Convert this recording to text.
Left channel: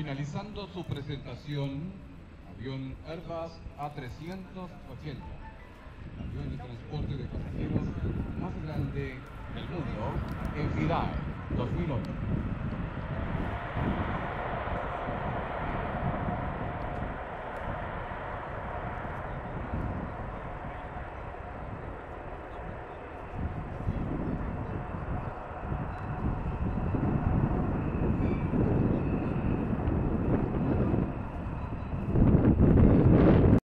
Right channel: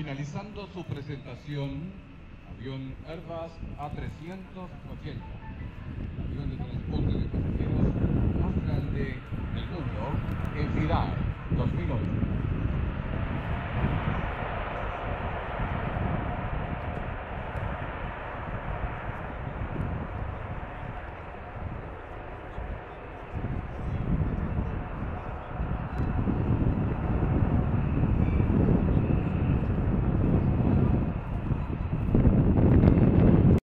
Finalizando su presentación, avión Airbus A380, avión de transporte de pasajeros más grande del mundo, en Pilar, 2008.